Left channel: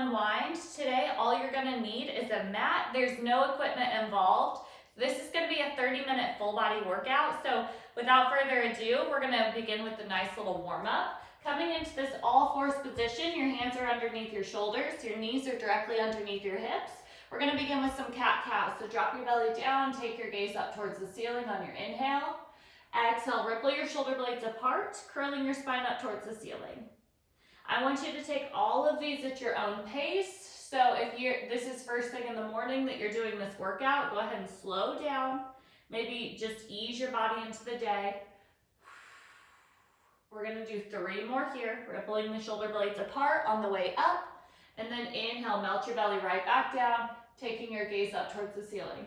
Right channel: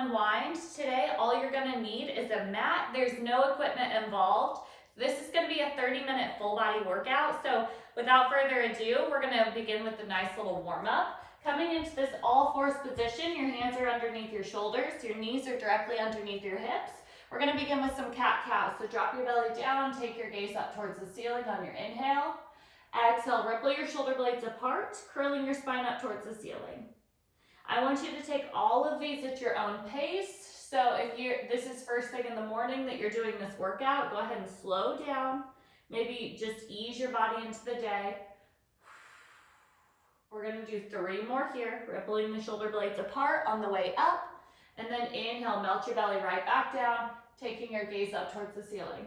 unwind today, all you're gonna need is a mat. There's no equipment involved. This is gonna be a 30-minute full body workout. So without further ado, we're gonna begin with a nice little warm up. Coming into this all fours position, your hands are underneath your shoulders, your knees are directly underneath your hips. We're gonna begin with some cat-cow. So drop your belly down, take your gaze up towards the ceiling on your inhale. Exhale, ripple your shoulder blades apart, curling your spine up towards the ceiling. I want you to take all of these at your own pace. So if this is first thing in the morning that you're doing this workout, go ahead and slow down. Maybe just ease your body into the day. We're gonna do 3 more here, rippling the shoulder blades apart on the way up. And then inhale, melt your belly right back down, taking your gaze up towards the ceiling.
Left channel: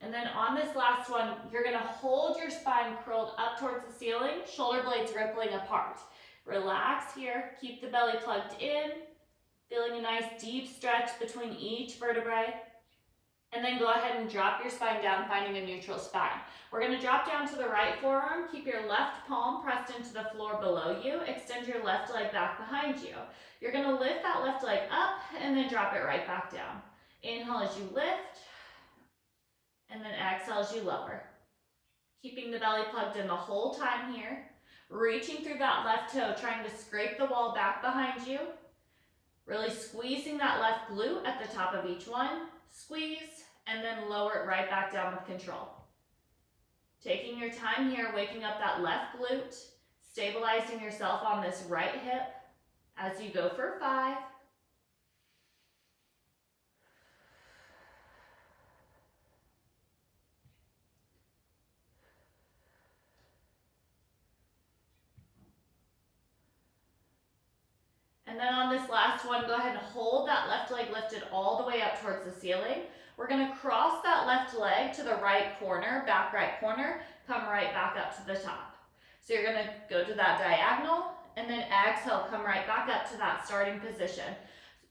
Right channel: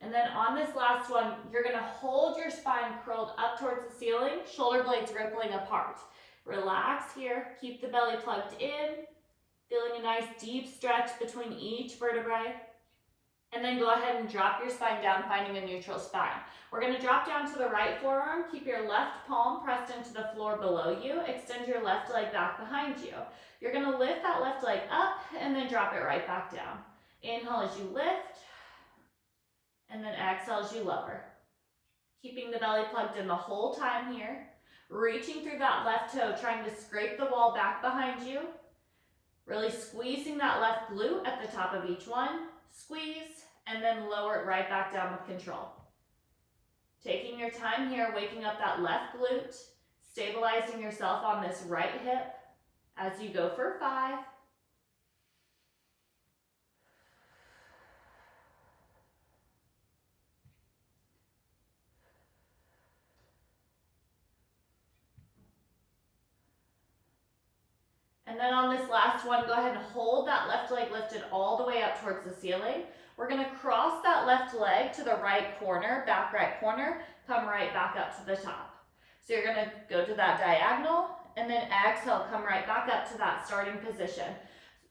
And then on this last one, you're gonna hold your spine curled up towards the ceiling, shoulder blades rippling apart. Relax here, keep the belly plugged in, feeling a nice deep stretch between each vertebrae. And then go ahead and drop your spine down, finding a neutral spine. We're gonna drop down to the right forearm, keep your left palm pressed into the floor below you, extend your left leg back behind you. You're gonna lift that left leg up and then drop it right back down. Inhale as you lift, and then exhale as you lower. Keeping the belly plugged in the whole time here. Reaching through that left toe, trying to scrape the wall back behind you. Really squeezing that left glute at the top of each one. Squeeze, and then lower it right back down with control. Taking your time here, waking up that left glute, stabilizing yourself on this right hip as you go for 5. And then on this last one, go ahead and hold that left leg lifted all the way up towards the ceiling. We're gonna cross that left leg to the right corner, back right corner, come right back up to the top. So you're gonna go to that diagonal and then exhale, come right back up to that starting position.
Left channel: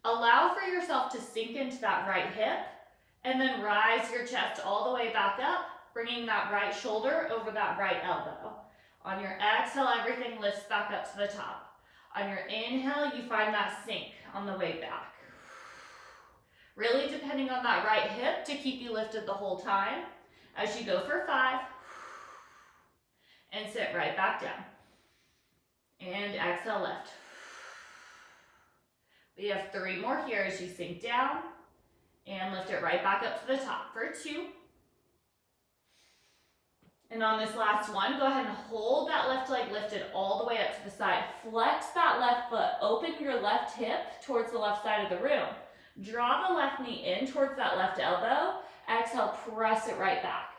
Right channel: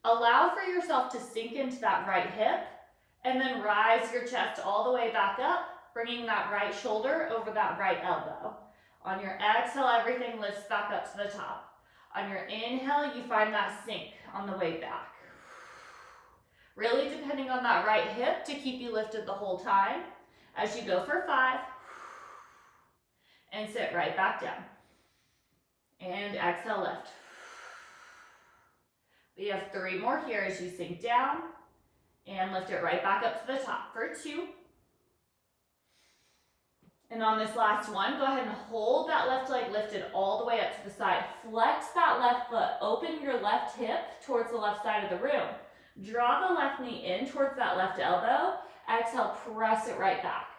Allow for yourself to sink into that right hip and then rise your chest all the way back up, bringing that right shoulder over that right elbow. On your exhale, everything lifts back up to the top. On your inhale, you find that sink on the way back. Really depending on that right hip to keep you lifted the whole time. As you go for 5, and sit right back down. And exhale, lift. We have 3 more here as you sink down, and lift it right back up to the top for 2. And on this last one, go ahead and hold that left leg lifted all the way up to the side. Flex that left foot. Open your left hip towards the left side of the room. Draw the left knee in towards that left elbow. Exhale, press it right back.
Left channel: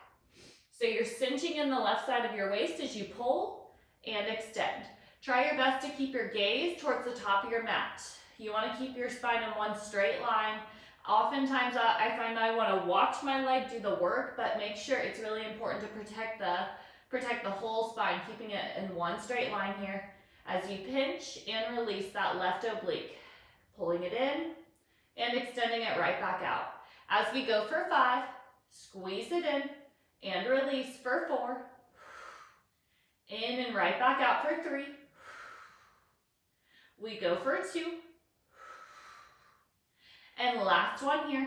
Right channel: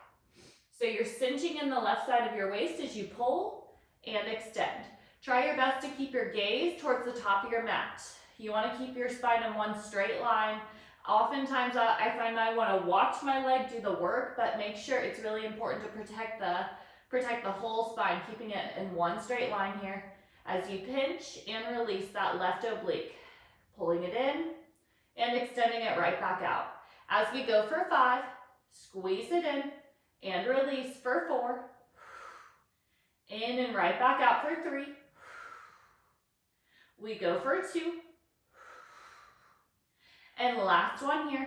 So you're cinching in the left side of your waist as you pull and extend. Try your best to keep your gaze towards the top of your mat. You want to keep your spine in one straight line. Oftentimes I find I want to watch my leg do the work, but make sure it's really important to protect the whole spine, keeping it in one straight line here as you pinch and release that left oblique, pulling it in and extending it right back out. As we go for 5, squeeze it in and release for 4, in and right back out for 3. We go for 2. And last one here,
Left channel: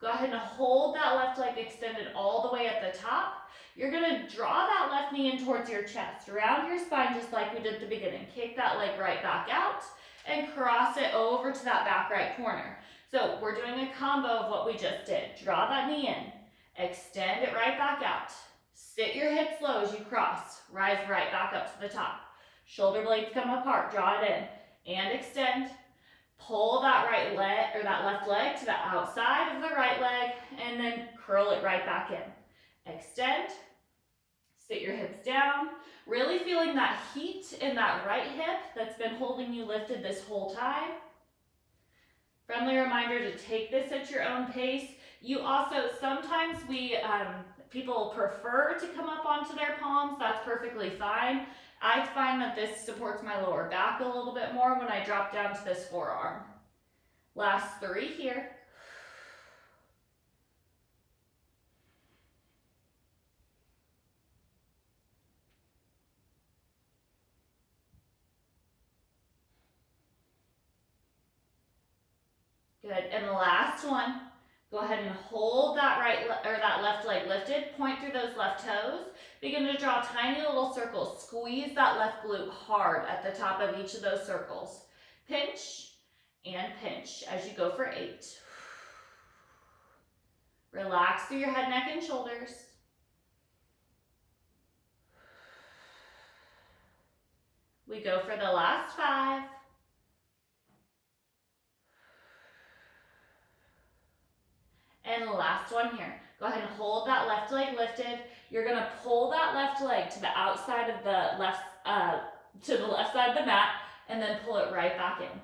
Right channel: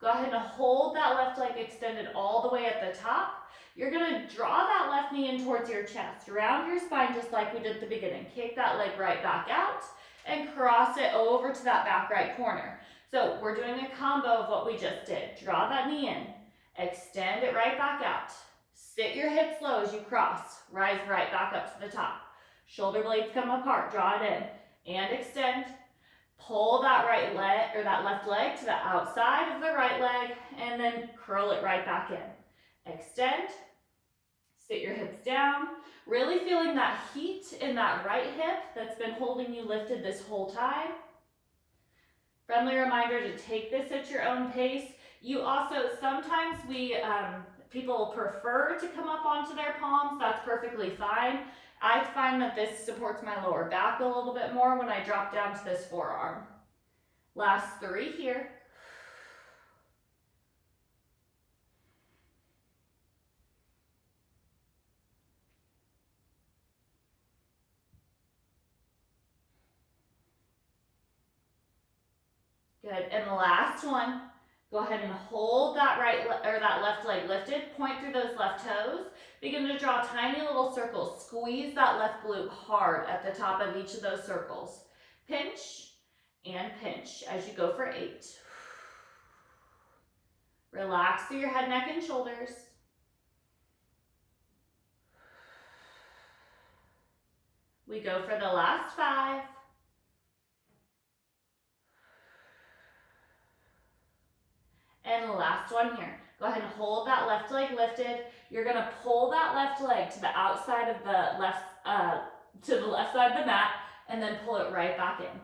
go ahead and hold that left leg extended all the way at the top. You're gonna draw that left knee in towards your chest, round your spine just like we did at the beginning. Kick that leg right back out and cross it over to that back right corner. So we're doing a combo of what we just did. Draw that knee in, extend it right back out. Sit your hips low as you cross, rise right back up to the top. Shoulder blades come apart, draw it in and extend. Pull that right leg or that left leg to the outside of the right leg and then curl it right back in. Extend, sit your hips down, really feeling that heat in that right hip that's been holding you lifted this whole time. Friendly reminder to take this at your own pace. You also, sometimes people prefer to come up onto their palms. That's perfectly fine. I find that this supports my lower back a little bit more when I drop down to this forearm. Last 3 here. Good, and the last one. Go ahead and hold that that left leg lifted. Point through those left toes. Begin to draw tiny little circles. Squeeze that left glute hard at the top of each of those circles. Pinch and pinch as you go for 8. Relax through your head, neck, and shoulders. We go for the last 5. And the last one here. Go ahead and hold that left leg lifted. You're gonna pull that left leg to the outside of the left side of the mat, and then pull it right back in.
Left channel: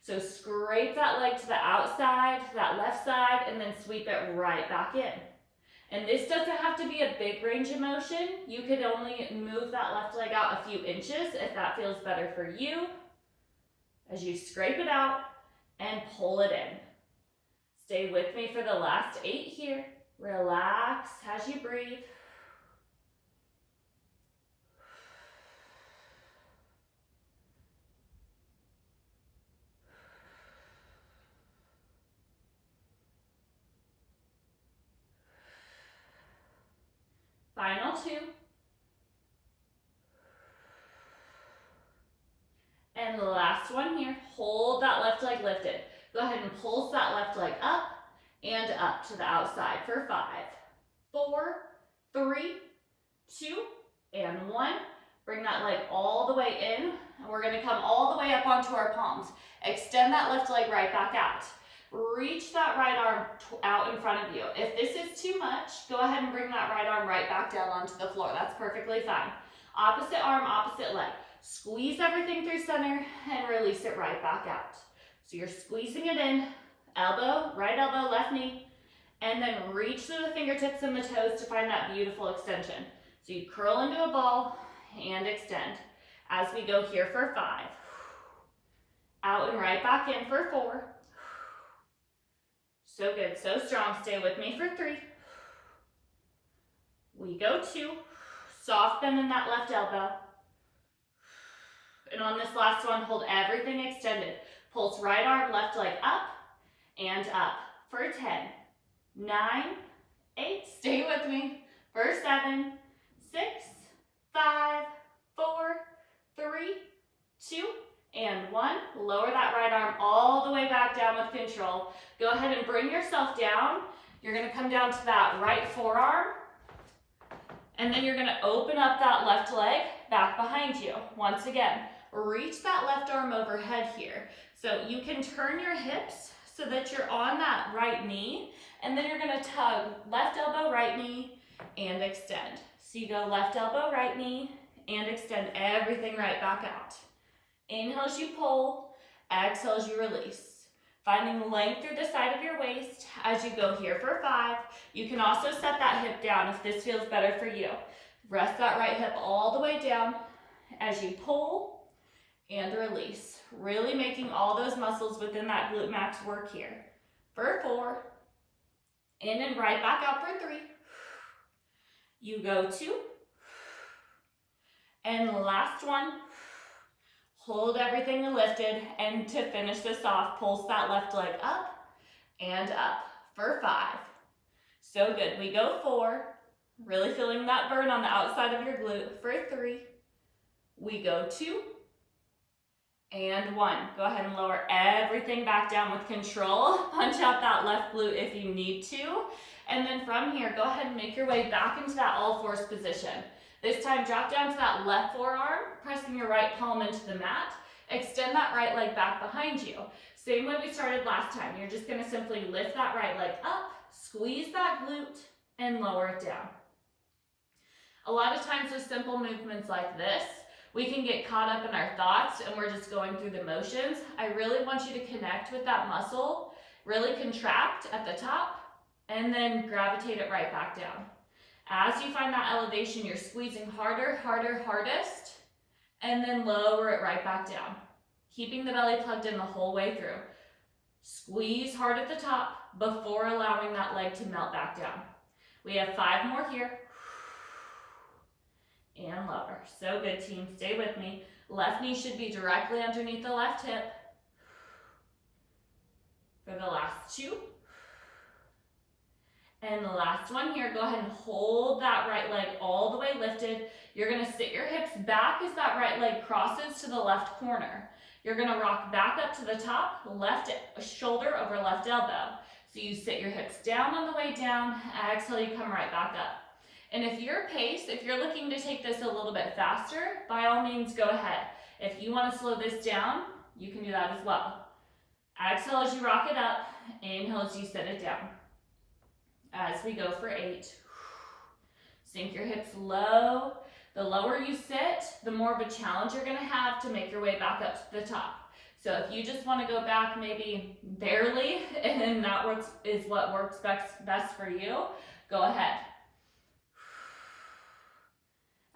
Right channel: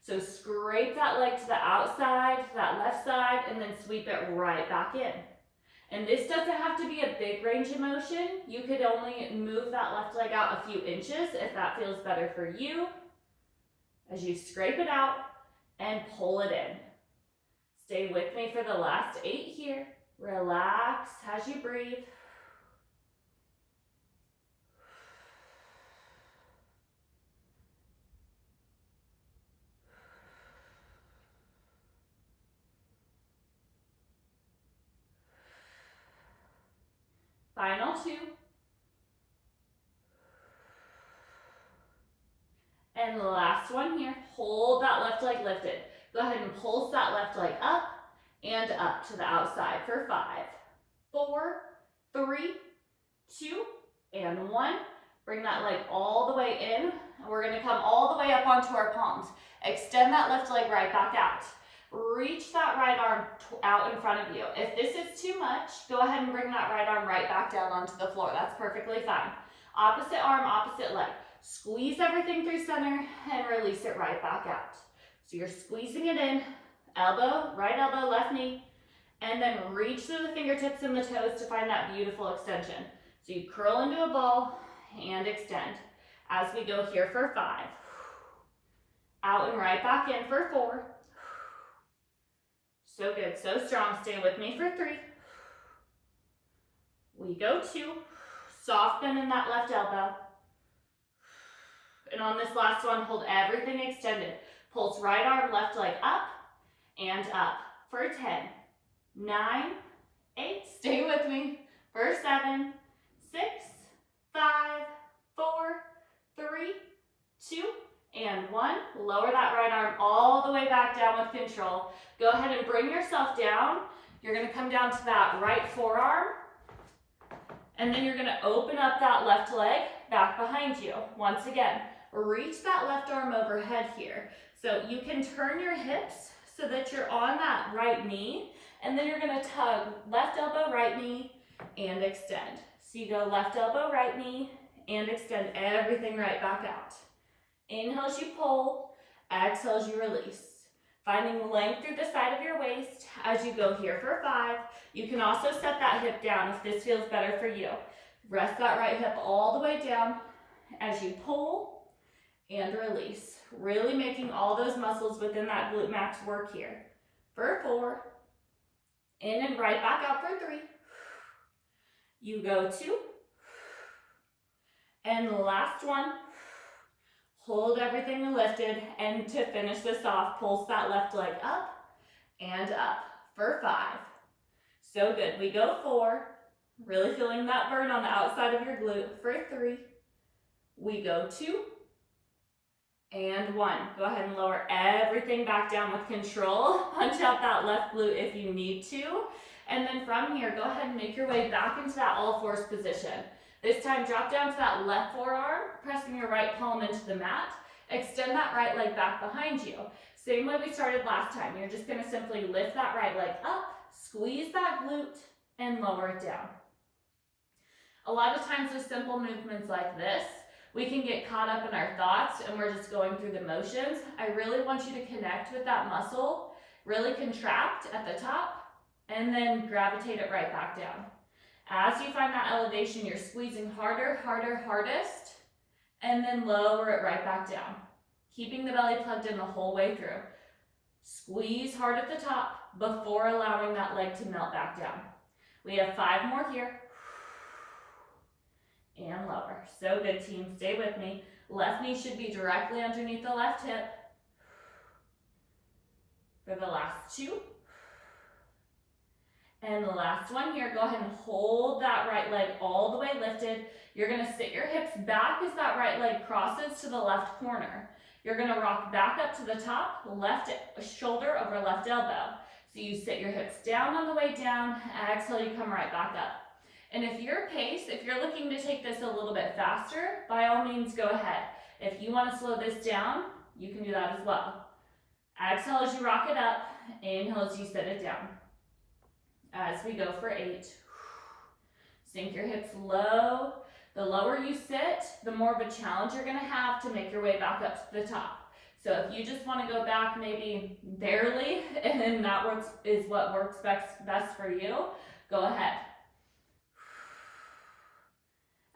So scrape that leg to the outside, to that left side, and then sweep it right back in. And this doesn't have to be a big range of motion. You could only move that left leg out a few inches if that feels better for you. As you scrape it out and pull it in. Stay with me for the last 8 here. Relax as you breathe. Final 2. And the last one here. Hold that left leg lifted. Go ahead and pulse that left leg up and up to the outside for 5, 4, 3, 2, and 1. Bring that leg all the way in, and we're gonna come all the way up onto our palms. Extend that left leg right back out. Reach that right arm out in front of you. If this is too much, go ahead and bring that right arm right back down onto the floor. That's perfectly fine. Opposite arm, opposite leg. Squeeze everything through center and release it right back out. So you're squeezing it in, elbow, right elbow, left knee, and then reach through the fingertips and the toes to find that beautiful extension. So you curl into a ball and extend. As we go here for 5. Out and right back in for 4. So good, so strong. Stay with me for 3. We go 2. Soft bend in that left elbow. And on this last one, hold everything extended. Pulse right arm, left leg up and up for 10, 9, 8, stay with me, for 7, 6, 5, 4, 3, 2, and 1. Lower that right arm all the way back down with control. Go ahead and bring yourself down. You're gonna come down to that right forearm, and then you're gonna open up that left leg back behind you. Once again, reach that left arm overhead here. So you can turn your hips so that you're on that right knee, and then you're gonna tug left elbow, right knee, and extend. So you go left elbow, right knee, and extend everything right back out. Inhale as you pull, exhale as you release. Finding length through the side of your waist as you go here for 5. You can also set that hip down if this feels better for you. Rest that right hip all the way down as you pull and release. Really making all those muscles within that glute max work here. For 4, in and right back out for 3. You go 2, and the last one. Hold everything lifted, and to finish this off, pulse that left leg up and up for 5. So good. We go 4, really feeling that burn on the outside of your glute for 3. We go 2 and 1. Go ahead and lower everything back down with control. Punch out that left glute if you need to. And then from here, go ahead and make your way back into that all fours position. This time, drop down to that left forearm, pressing your right palm into the mat. Extend that right leg back behind you. Same way we started last time. You're just gonna simply lift that right leg up, squeeze that glute, and lower it down. A lot of times with simple movements like this, we can get caught up in our thoughts and we're just going through the motions. I really want you to connect with that muscle, really contract at the top, and then gravitate it right back down. As you find that elevation, you're squeezing harder, harder, hardest, and then lower it right back down. Keeping the belly plugged in the whole way through. Squeeze hard at the top before allowing that leg to melt back down. We have 5 more here. And lower. So good, team. Stay with me. Left knee should be directly underneath the left hip. For the last 2. And the last one here, go ahead and hold that right leg all the way lifted. You're gonna sit your hips back as that right leg crosses to the left corner. You're gonna rock back up to the top, left shoulder over left elbow. So you sit your hips down on the way down, exhale, you come right back up. And if your pace, if you're looking to take this a little bit faster, by all means go ahead. If you wanna slow this down, you can do that as well. Exhale as you rock it up, inhale as you sit it down. As we go for 8, sink your hips low. The lower you sit, the more of a challenge you're gonna have to make your way back up to the top. So if you just wanna go back maybe barely, and that is what works best for you, go ahead.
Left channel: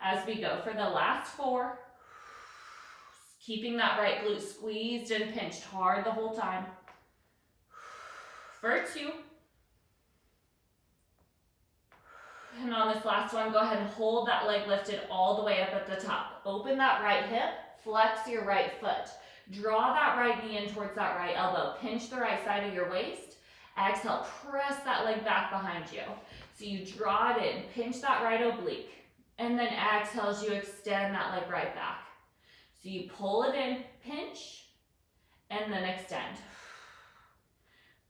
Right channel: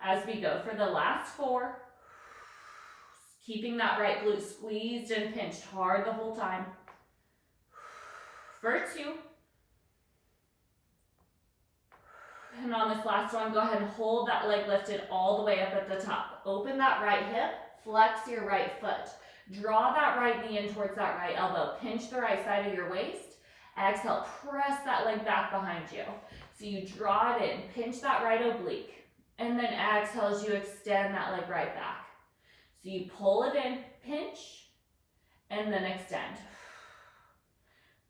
As we go for the last 4, keeping that right glute squeezed and pinched hard the whole time. For 2. And on this last one, go ahead and hold that leg lifted all the way up at the top. Open that right hip, flex your right foot. Draw that right knee in towards that right elbow. Pinch the right side of your waist. Exhale, press that leg back behind you. So you draw it in, pinch that right oblique. And then exhale as you extend that leg right back. So you pull it in, pinch, and then extend.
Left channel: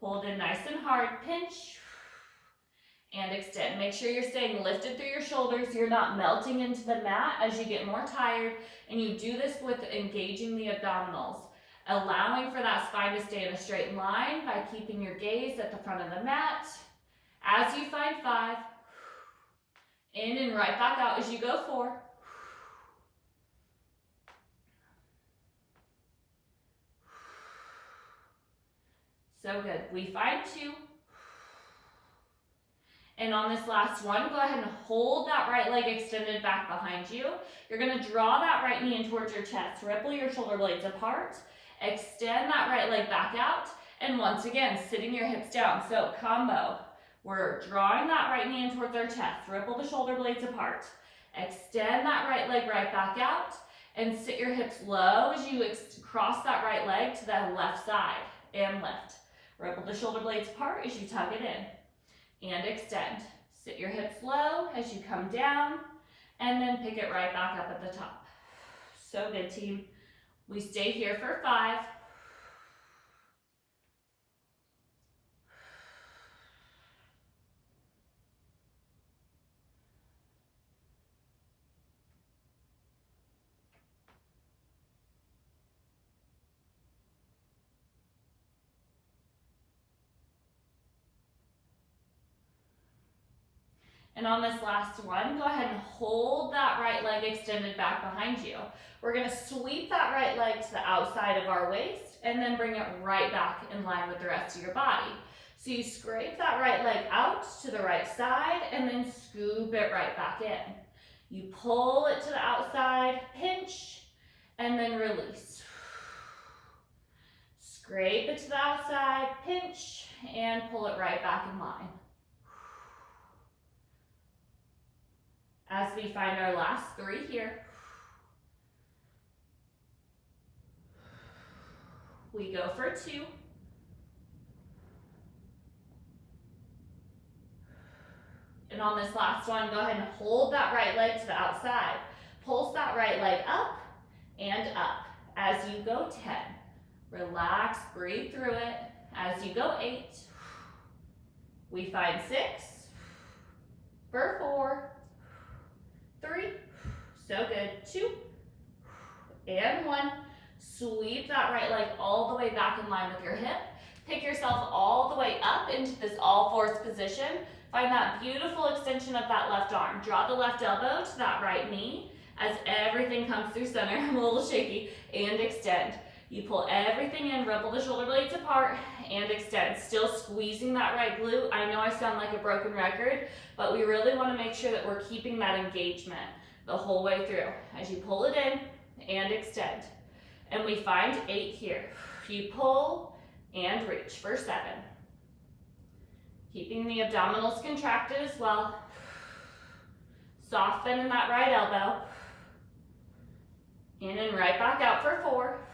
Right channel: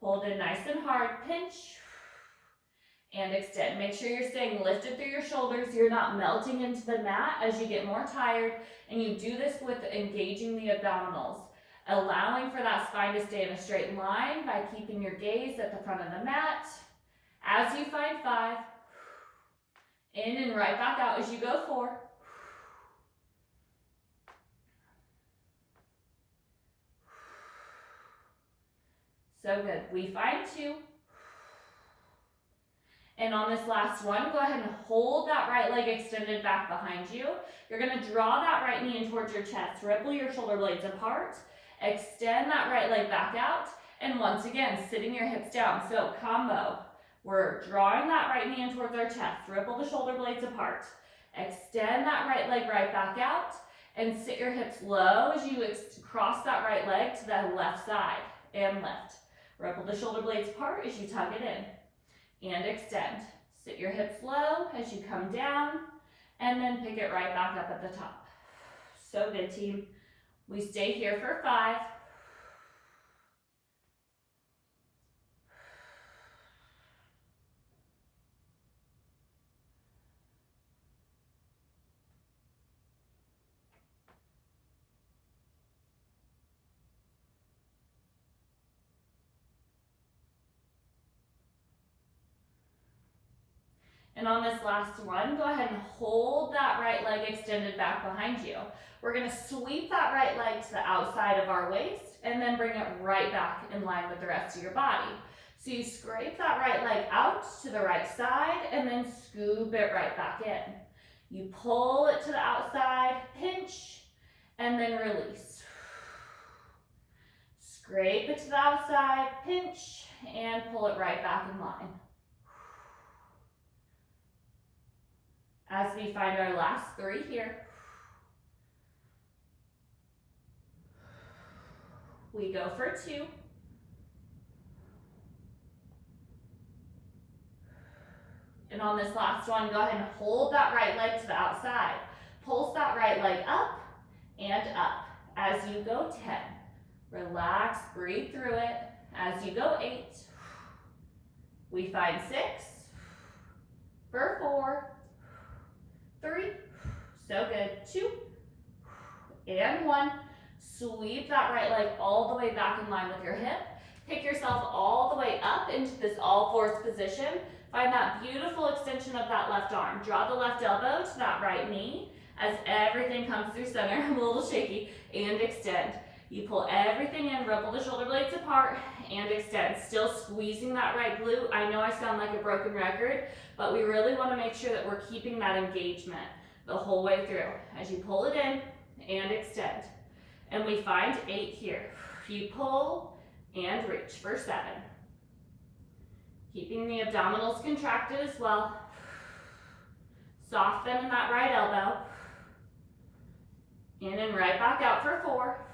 Hold it nice and hard, pinch, and extend. Make sure you're staying lifted through your shoulders. You're not melting into the mat as you get more tired. And you do this with engaging the abdominals, allowing for that spine to stay in a straight line by keeping your gaze at the front of the mat. As you find 5, in and right back out as you go 4. So good. We find 2. And on this last one, go ahead and hold that right leg extended back behind you. You're gonna draw that right knee in towards your chest. Ripple your shoulder blades apart. Extend that right leg back out. And once again, sitting your hips down. So combo. We're drawing that right knee in towards our chest. Ripple the shoulder blades apart. Extend that right leg right back out. And sit your hips low as you cross that right leg to the left side. And lift. Ripple the shoulder blades apart as you tug it in. And extend. Sit your hips low as you come down. And then pick it right back up at the top. So good, team. We stay here for 5. And on this last one, go ahead and hold that right leg extended back behind you. We're gonna sweep that right leg to the outside of our waist and then bring it right back in line with the rest of your body. So you scrape that right leg out to the right side and then scoop it right back in. You pull it to the outside, pinch, and then release. Scrape it to the outside, pinch, and pull it right back in line. As we find our last 3 here, we go for 2. And on this last one, go ahead and hold that right leg to the outside. Pulse that right leg up and up. As you go 10, relax, breathe through it. As you go 8, we find 6, for 4, 3, so good, 2, and 1. Sweep that right leg all the way back in line with your hip. Pick yourself all the way up into this all-fours position. Find that beautiful extension of that left arm. Draw the left elbow to that right knee as everything comes through center. I'm a little shaky. And extend. You pull everything in, ripple the shoulder blades apart, and extend. Still squeezing that right glute. I know I sound like a broken record, but we really want to make sure that we're keeping that engagement the whole way through. As you pull it in and extend. And we find 8 here. You pull and reach for 7. Keeping the abdominals contracted as well. Soft bend in that right elbow. In and right back out for 4.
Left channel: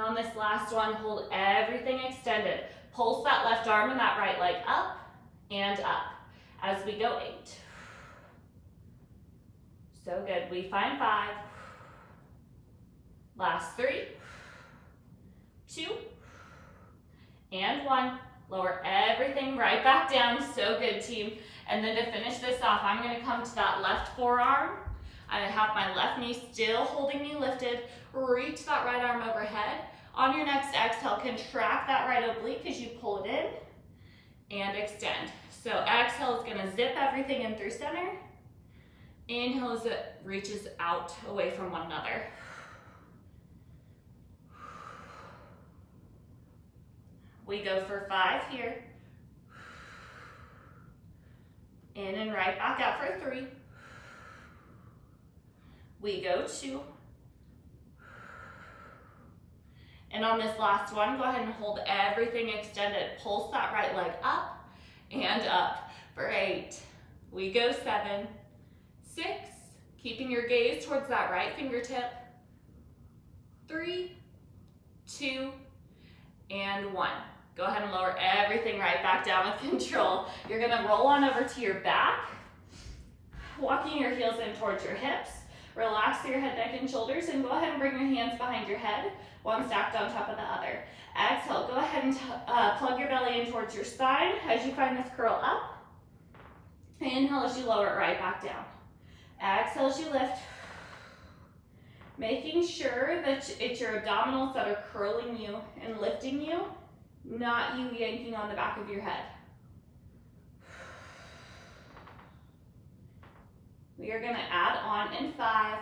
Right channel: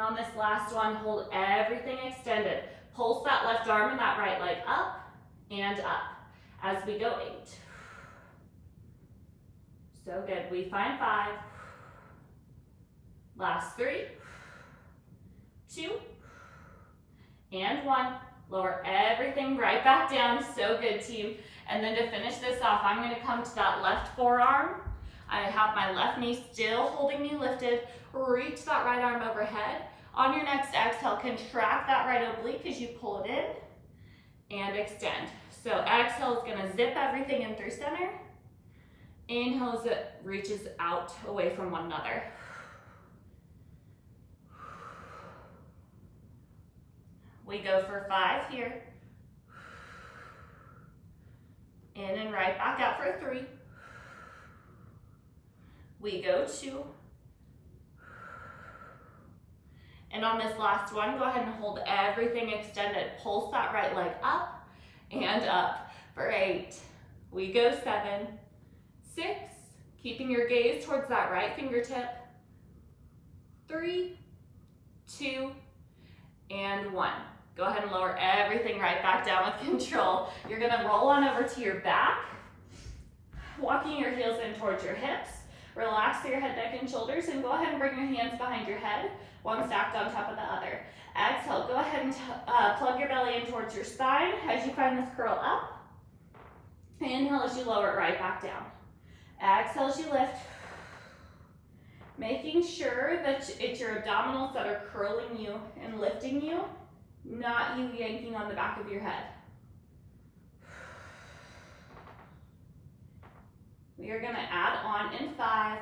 on this last one, hold everything extended. Pulse that left arm and that right leg up and up as we go 8. So good. We find 5. Last 3, 2, and 1. Lower everything right back down. So good, team. And then to finish this off, I'm going to come to that left forearm. I have my left knee still holding me lifted. Reach that right arm overhead. On your next exhale, contract that right oblique as you pull it in and extend. So exhale is going to zip everything in through center. Inhale as it reaches out away from one another. We go for 5 here. In and right back out for 3. We go 2. And on this last one, go ahead and hold everything extended. Pulse that right leg up and up for 8. We go 7, 6, keeping your gaze towards that right fingertip. 3, 2, and 1. Go ahead and lower everything right back down with control. You're gonna roll on over to your back, walking your heels in towards your hips. Relax your head, neck, and shoulders, and go ahead and bring your hands behind your head, one stacked on top of the other. Exhale, go ahead and plug your belly in towards your spine as you find this curl up. Inhale as you lower it right back down. Exhale as you lift. Making sure that it's your abdominals that are curling you and lifting you, not you yanking on the back of your head. We are going to add on in 5.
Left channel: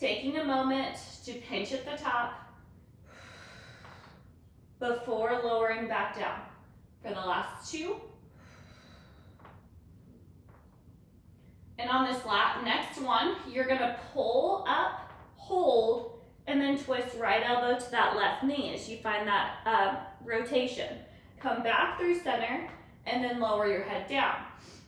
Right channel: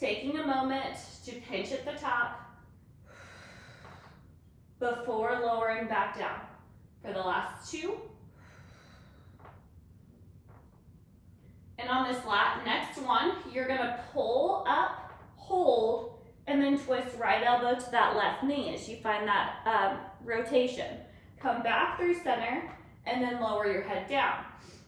Taking a moment to pinch at the top before lowering back down. For the last 2. And on this next one, you're going to pull up, hold, and then twist right elbow to that left knee as you find that rotation. Come back through center and then lower your head down.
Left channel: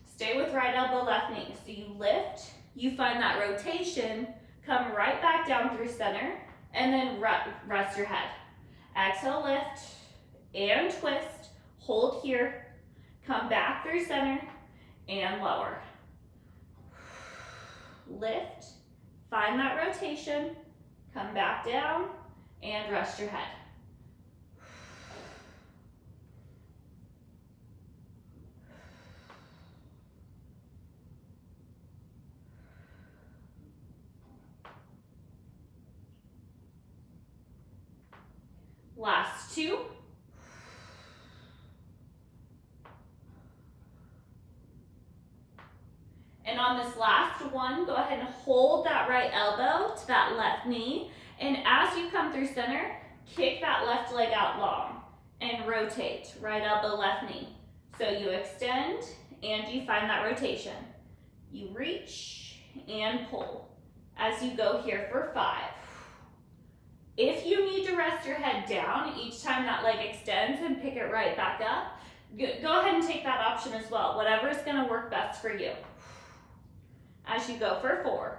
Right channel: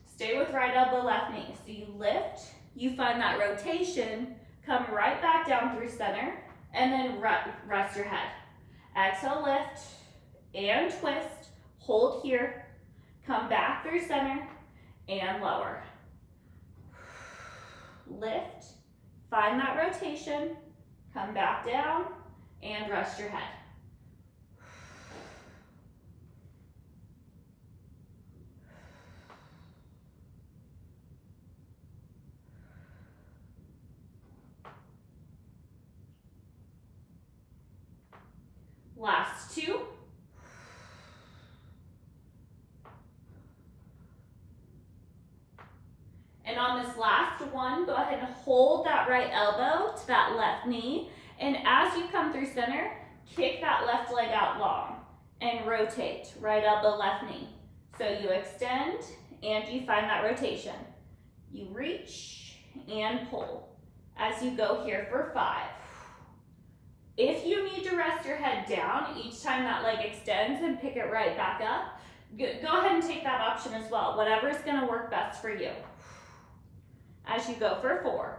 Stay with right elbow, left knee. So you lift, you find that rotation, come right back down through center, and then rest your head. Exhale, lift, and twist. Hold here, come back through center, and lower. Lift, find that rotation, come back down, and rest your head. Last 2. And on this last one, go ahead and hold that right elbow to that left knee. And as you come through center, kick that left leg out long and rotate. Right elbow, left knee. So you extend and you find that rotation. You reach and pull as you go here for 5. If you need to rest your head down each time that leg extends and pick it right back up, go ahead and take that option as well. Whatever is going to work best for you. As you go for 4.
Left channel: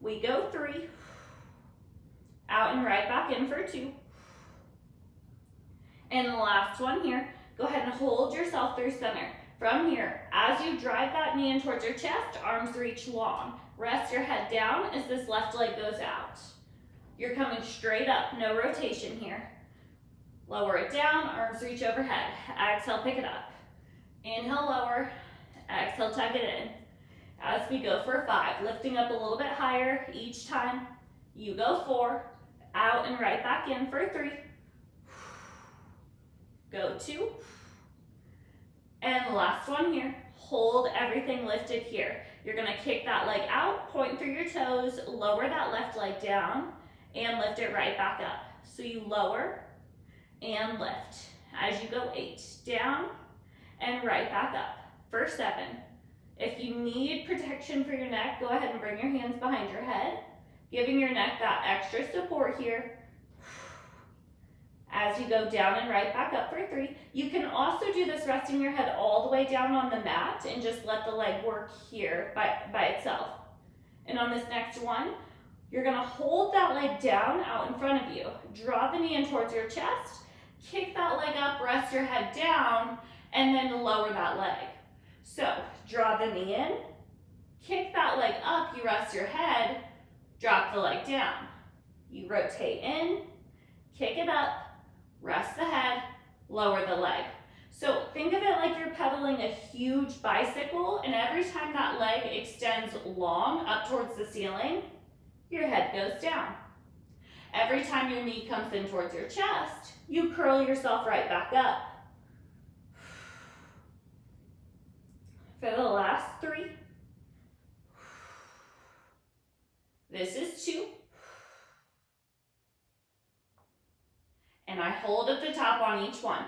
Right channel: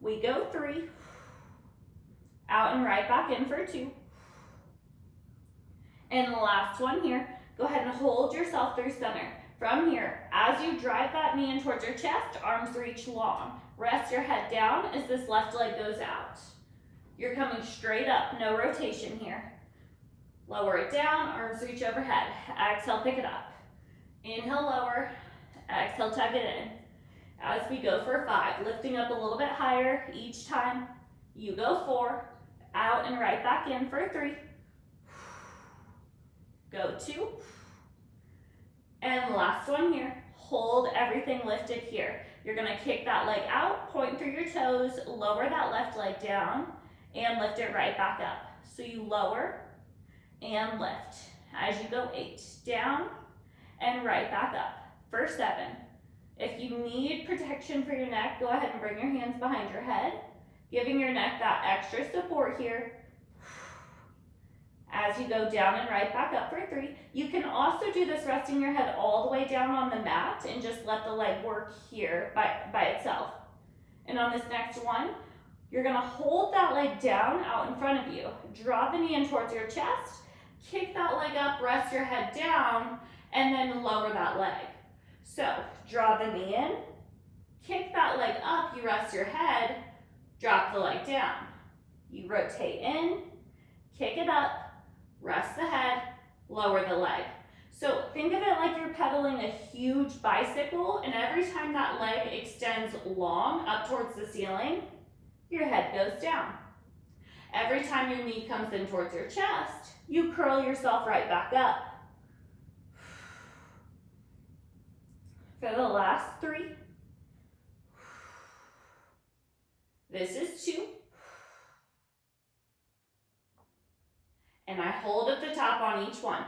We go 3. Out and right back in for 2. And the last one here, go ahead and hold yourself through center. From here, as you drive that knee in towards your chest, arms reach long. Rest your head down as this left leg goes out. You're coming straight up, no rotation here. Lower it down, arms reach overhead. Exhale, pick it up. Inhale, lower. Exhale, tug it in. As we go for 5, lifting up a little bit higher each time. You go 4, out and right back in for 3. Go 2. And last one here. Hold everything lifted here. You're gonna kick that leg out, point through your toes, lower that left leg down, and lift it right back up. So you lower and lift. As you go 8, down and right back up for 7. If you need protection for your neck, go ahead and bring your hands behind your head, giving your neck that extra support here. As you go down and right back up for 3. You can also do this resting your head all the way down on the mat and just let the leg work here by itself. And on this next one, You're gonna hold that leg down out in front of you. Draw the knee in towards your chest, kick that leg up, rest your head down, and then lower that leg. So draw the knee in, kick that leg up, you rest your head, drop the leg down. You rotate in, kick it up, rest the head, lower the leg. So think of it like you're pedaling a huge bicycle, and every time that leg extends long up towards the ceiling, your head goes down. Every time your knee comes in towards your chest, you curl yourself right back up. For the last 3. This is 2. And I hold at the top on each one.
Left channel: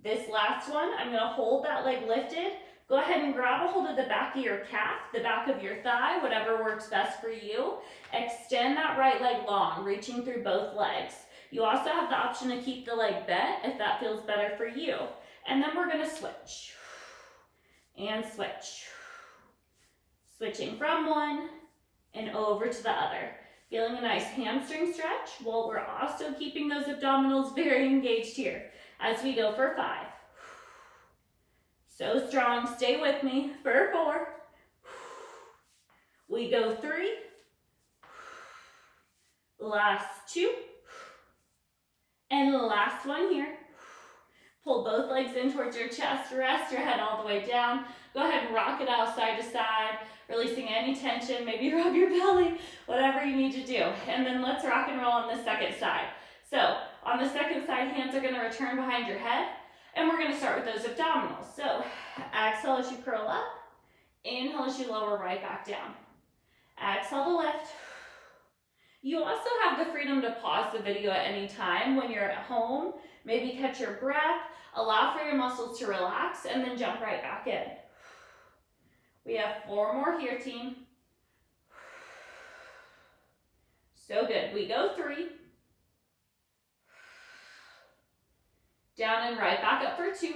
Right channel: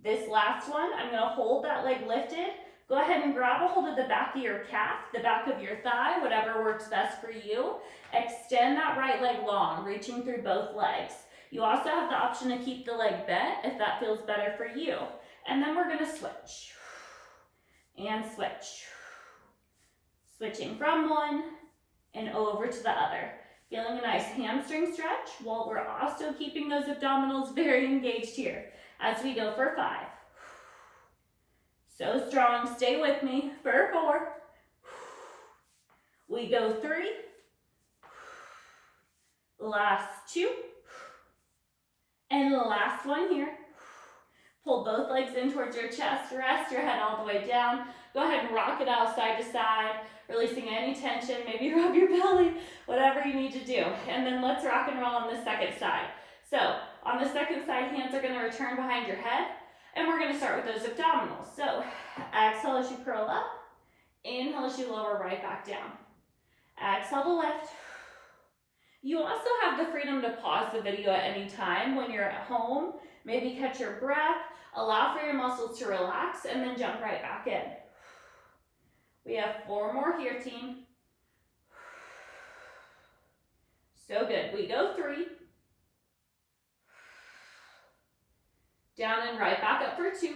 This last one, I'm gonna hold that leg lifted. Go ahead and grab a hold of the back of your calf, the back of your thigh, whatever works best for you. Extend that right leg long, reaching through both legs. You also have the option to keep the leg bent if that feels better for you. And then we're gonna switch and switch. Switching from one and over to the other. Feeling a nice hamstring stretch while we're also keeping those abdominals very engaged here as we go for 5. So strong, stay with me for 4. We go 3. Last 2. And the last one here. Pull both legs in towards your chest, rest your head all the way down. Go ahead and rock it out side to side, releasing any tension, maybe rub your belly, whatever you need to do. And then let's rock and roll on the second side. So on the second side, hands are gonna return behind your head, and we're gonna start with those abdominals. So exhale as you curl up, inhale as you lower right back down. Exhale to lift. You also have the freedom to pause the video at any time when you're at home, maybe catch your breath, allow for your muscles to relax, and then jump right back in. We have 4 more here, team. So good. We go 3. Down and right back up for 2.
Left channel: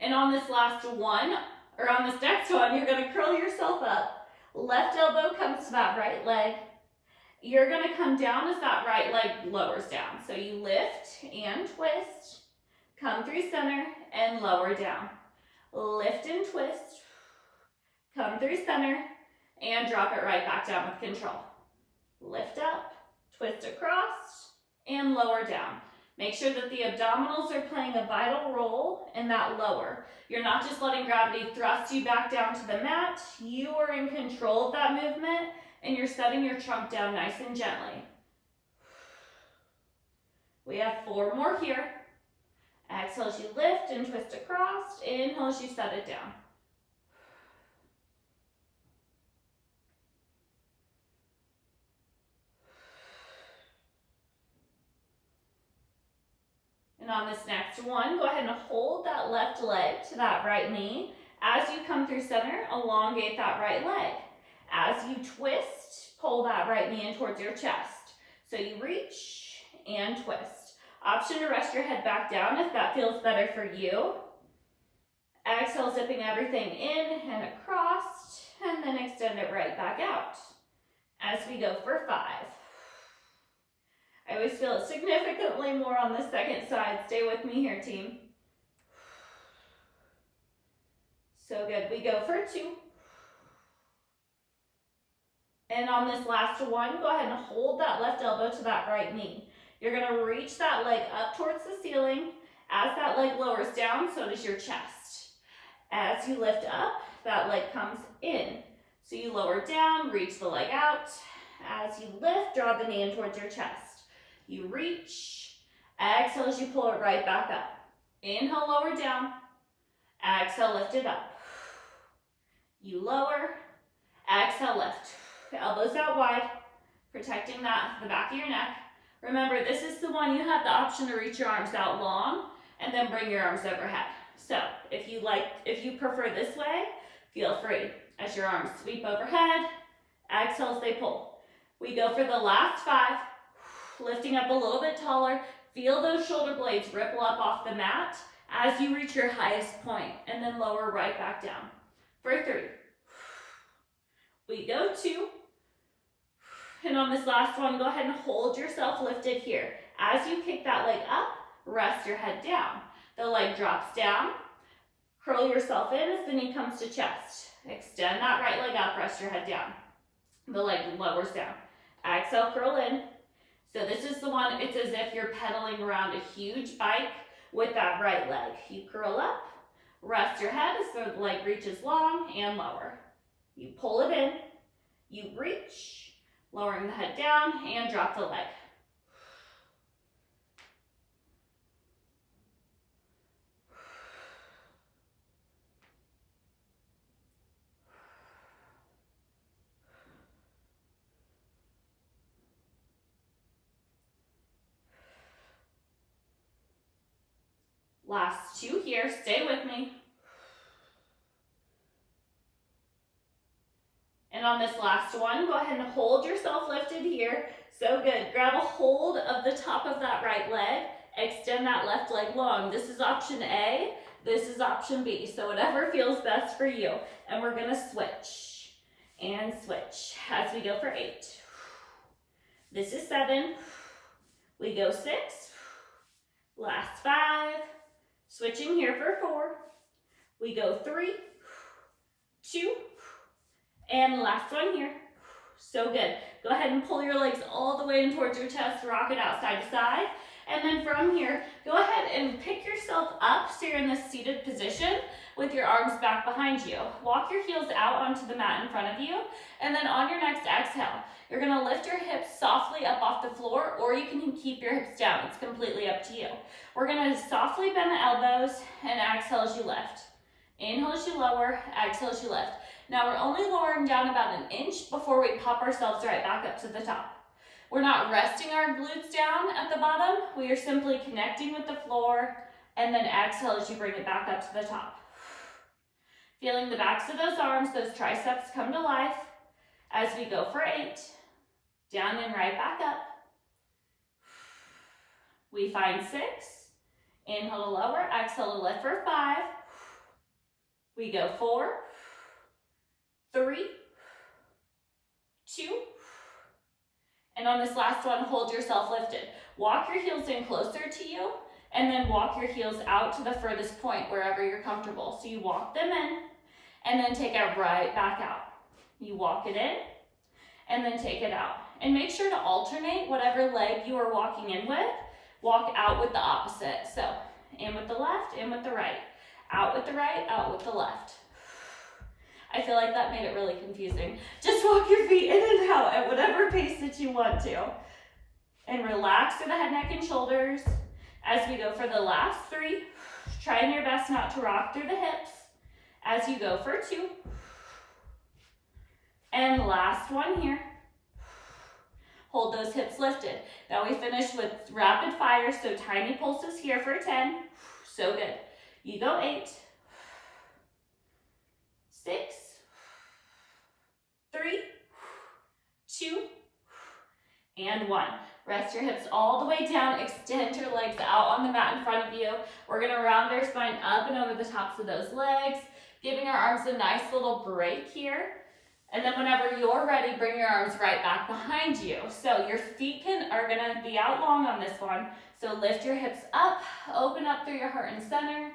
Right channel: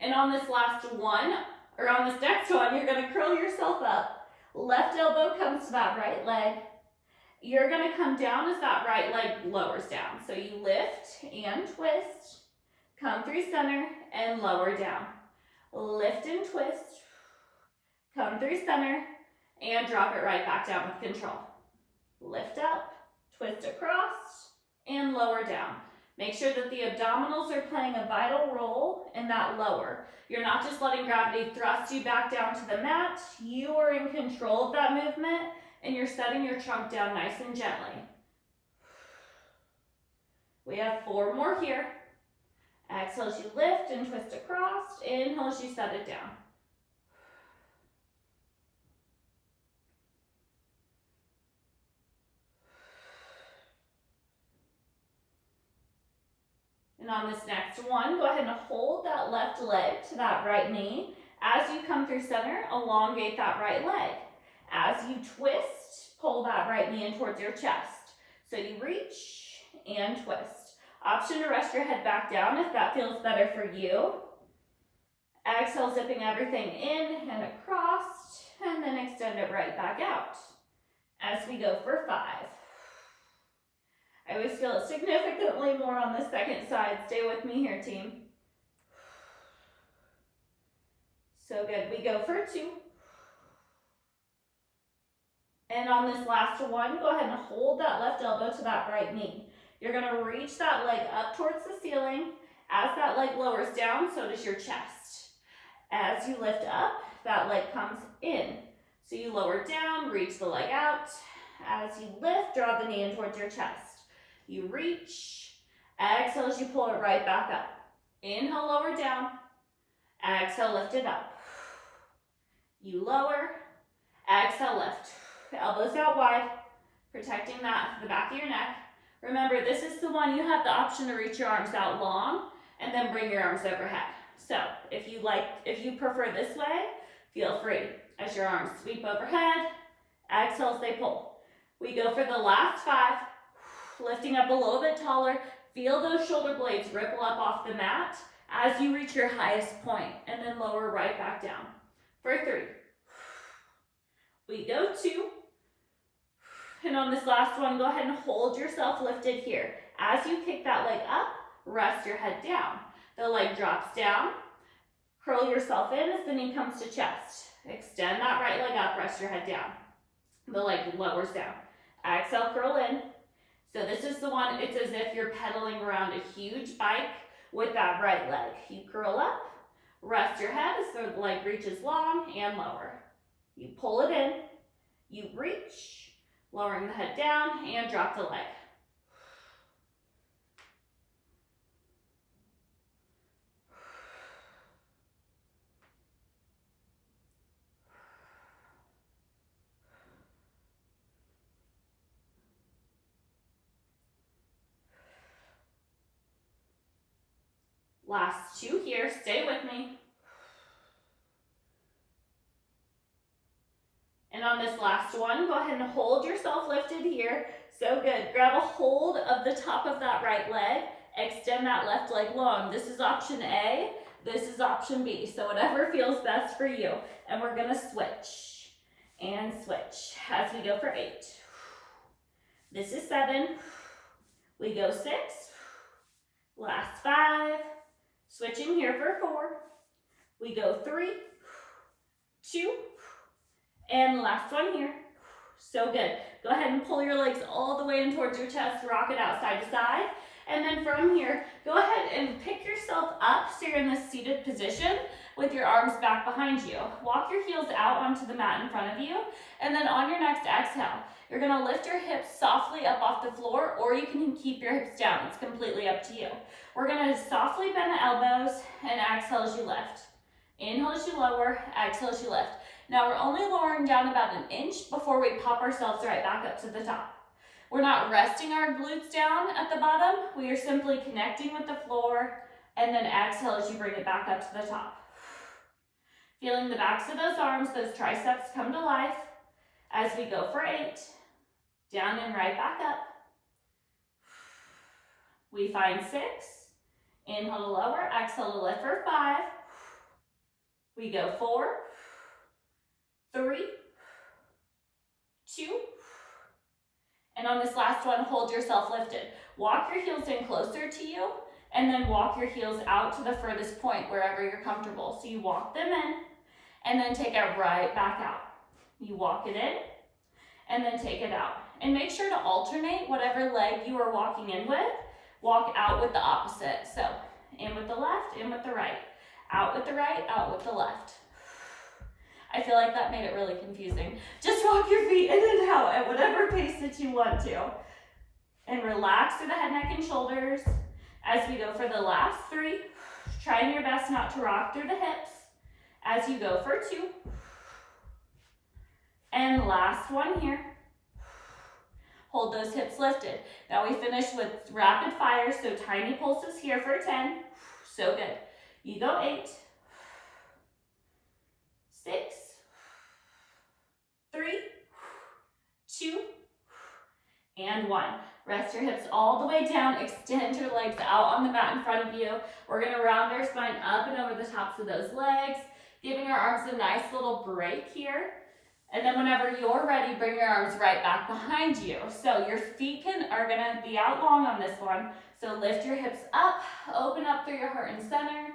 And on this last one, or on this next one, you're gonna curl yourself up. Left elbow comes to that right leg. You're gonna come down as that right leg lowers down. So you lift and twist, come through center and lower down. Lift and twist, come through center, and drop it right back down with control. Lift up, twist across, and lower down. Make sure that the abdominals are playing a vital role in that lower. You're not just letting gravity thrust you back down to the mat. You are in control of that movement, and you're setting your trunk down nice and gently. We have 4 more here. Exhale as you lift and twist across. Inhale as you set it down. And on this next one, go ahead and hold that left leg to that right knee. As you come through center, elongate that right leg. As you twist, pull that right knee in towards your chest. So you reach and twist. Option to rest your head back down if that feels better for you. Exhale, zipping everything in and across, and then extend it right back out. As we go for 5. I always feel it significantly more on the second side. Stay with me here, team. So good. We go for 2. And on this last one, go ahead and hold that left elbow to that right knee. You're going to reach that leg up towards the ceiling. As that leg lowers down, so does your chest. As you lift up, that leg comes in. So you lower down, reach the leg out. As you lift, draw the knee in towards your chest. You reach, exhale as you pull it right back up. Inhale, lower down. Exhale, lift it up. You lower, exhale, lift. Elbows out wide, protecting the back of your neck. Remember, this is the one you have the option to reach your arms out long and then bring your arms overhead. So if you prefer this way, feel free. As your arms sweep overhead, exhale as they pull. We go for the last 5. Lifting up a little bit taller, feel those shoulder blades ripple up off the mat as you reach your highest point, and then lower right back down. For 3. We go 2. And on this last one, go ahead and hold yourself lifted here. As you kick that leg up, rest your head down. The leg drops down. Curl yourself in as the knee comes to chest. Extend that right leg up, rest your head down. The leg lowers down. Exhale, curl in. So this is the one, it's as if you're pedaling around a huge bike with that right leg. You curl up, rest your head as the leg reaches long and lower. You pull it in, you reach, lowering the head down and drop the leg. Last 2 here, stay with me. And on this last one, go ahead and hold yourself lifted here. So good. Grab a hold of the top of that right leg. Extend that left leg long. This is option A. This is option B. So whatever feels best for you. And we're going to switch and switch as we go for 8. This is 7. We go 6. Last 5. Switching here for 4. We go 3, 2, and last one here. So good. Go ahead and pull your legs all the way in towards your chest. Rock it out side to side. And then from here, go ahead and pick yourself up so you're in this seated position with your arms back behind you. Walk your heels out onto the mat in front of you. And then on your next exhale, you're going to lift your hips softly up off the floor, or you can keep your hips down. It's completely up to you. We're going to softly bend the elbows and exhale as you lift. Inhale as you lower, exhale as you lift. Now we're only lowering down about an inch before we pop ourselves right back up to the top. We're not resting our glutes down at the bottom. We are simply connecting with the floor, and then exhale as you bring it back up to the top. Feeling the backs of those arms, those triceps come to life as we go for 8. Down and right back up. We find 6. Inhale to lower, exhale to lift for 5. We go 4, 3, 2, and on this last one, hold yourself lifted. Walk your heels in closer to you, and then walk your heels out to the furthest point wherever you're comfortable. So you walk them in, and then take it right back out. You walk it in, and then take it out. And make sure to alternate whatever leg you are walking in with. Walk out with the opposite. So in with the left, in with the right. Out with the right, out with the left. I feel like that made it really confusing. Just walk your feet in and out at whatever pace that you want to. And relax through the head, neck, and shoulders as we go for the last 3. Trying your best not to rock through the hips as you go for 2. And last one here. Hold those hips lifted. Now we finish with rapid fire, so tiny pulses here for 10. So good. You go 8, 6, 3, 2, and 1. Rest your hips all the way down. Extend your legs out on the mat in front of you. We're going to round our spine up and over the tops of those legs, giving our arms a nice little break here. And then whenever you're ready, bring your arms right back behind you. So your feet are going to be out long on this one. So lift your hips up, open up through your heart and center.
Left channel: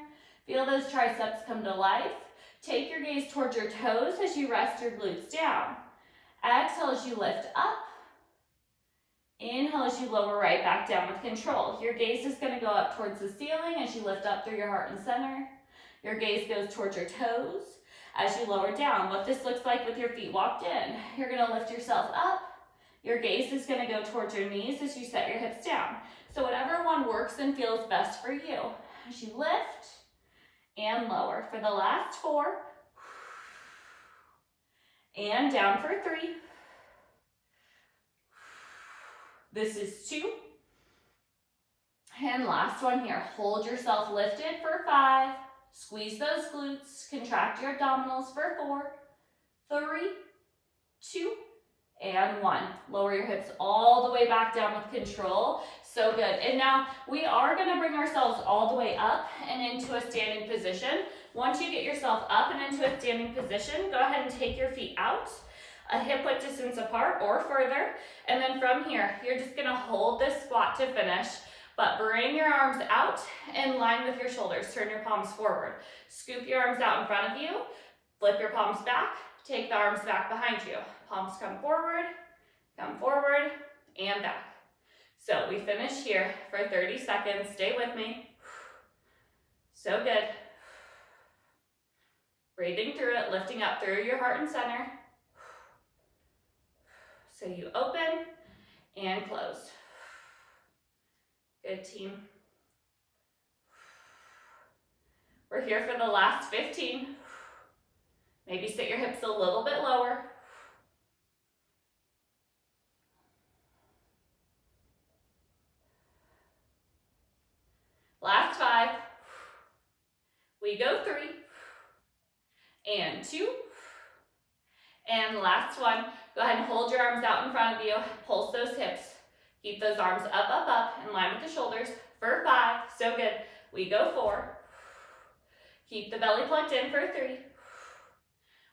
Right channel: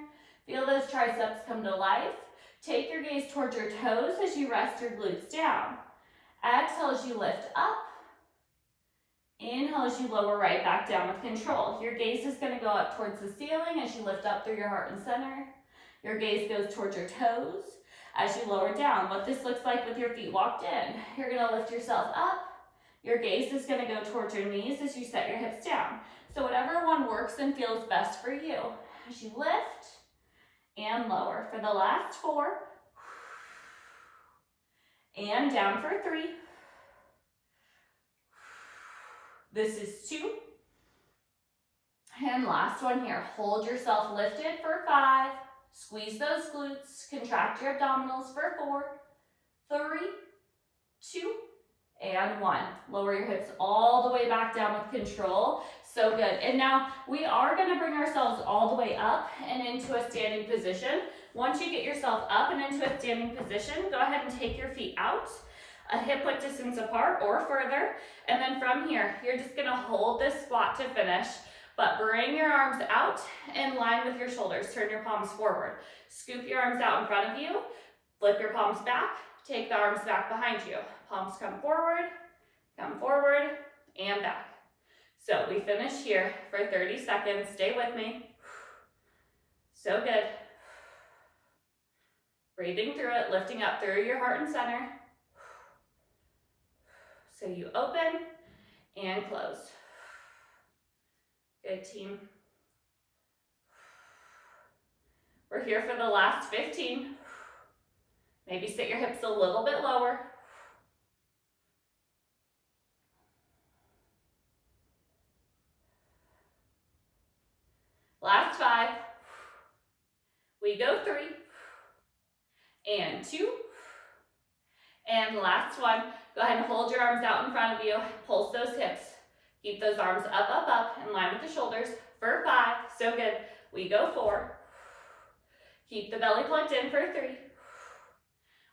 Feel those triceps come to life. Take your gaze towards your toes as you rest your glutes down. Exhale as you lift up. Inhale as you lower right back down with control. Your gaze is going to go up towards the ceiling as you lift up through your heart and center. Your gaze goes towards your toes as you lower down. What this looks like with your feet walked in. You're going to lift yourself up. Your gaze is going to go towards your knees as you set your hips down. So whatever one works and feels best for you. As you lift and lower for the last 4. And down for 3. This is 2. And last one here. Hold yourself lifted for 5. Squeeze those glutes. Contract your abdominals for 4, 3, 2, and 1. Lower your hips all the way back down with control. So good. And now we are going to bring ourselves all the way up and into a standing position. Once you get yourself up and into a standing position, go ahead and take your feet out a hip width distance apart or further. And then from here, you're just gonna hold this squat to finish, but bring your arms out in line with your shoulders. Turn your palms forward. Scoop your arms out in front of you. Flip your palms back. Take the arms back behind you. Palms come forward, and back. So we finish here for 30 seconds. Stay with me. So good. Breathing through it, lifting up through your heart and center. So you open and close. Good, team. We're here for the last 15. Maybe sit your hips a little bit lower. Last 5. We go 3. And 2. And last 1. Go ahead and hold your arms out in front of you. Pulse those hips. Keep those arms up, in line with the shoulders for 5. So good. We go 4. Keep the belly plugged in for 3.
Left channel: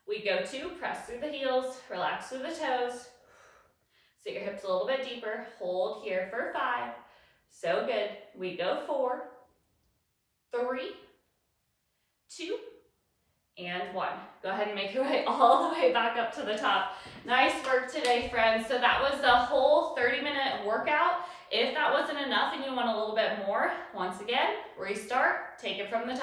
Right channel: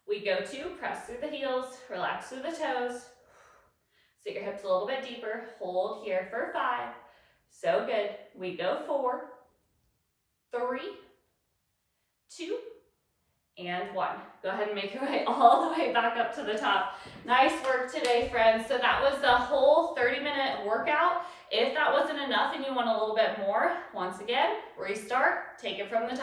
We go 2. Press through the heels. Relax through the toes. Sit your hips a little bit deeper. Hold here for 5. So good. We go 4, 3, 2, and 1. Go ahead and make your way all the way back up to the top. Nice work today, friends. So that was the whole 30-minute workout. If that wasn't enough and you want a little bit more, once again, restart, take it from the top.